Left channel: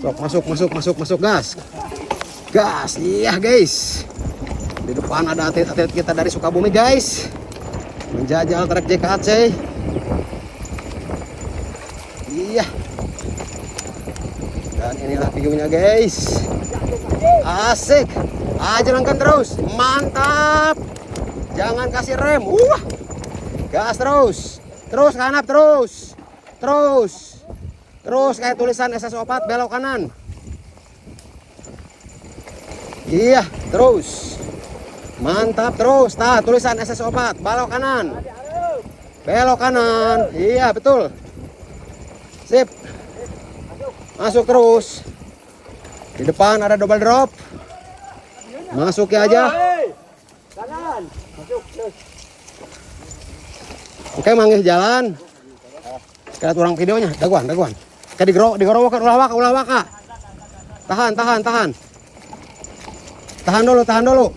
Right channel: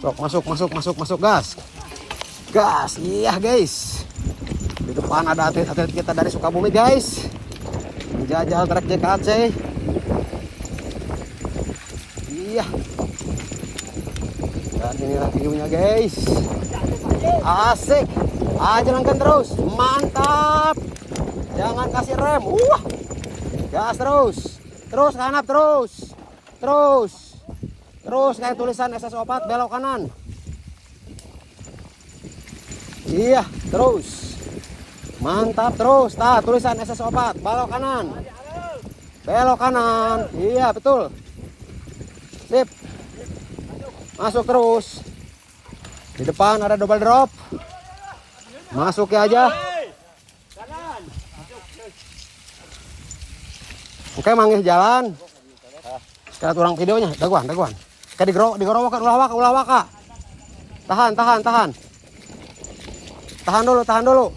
Sok, masuk, gas. Gas, iya guys. Di depan ada atlet kita dari Sukabumi guys. Menjajal trek JKC. Iya. Dan inilah view-nya guys. Asik. Jalankan terus. Mantap. Jangan kasih rem. Gas terus. Terus kanap terus. Terus kayak tulisan SS4 belok kanan. Iya, terus. Mantap terus. Nah, tulisan SS4 belok kanan. Belok kanan. Iya, betul. Sip. Masuk terus. Di depan ada double drop. Masuki aja. Oke, manggih jalan. Sekarang turang videonya. Daguan. Kayak digorok ulah waka. Tahan. Tahan dulu.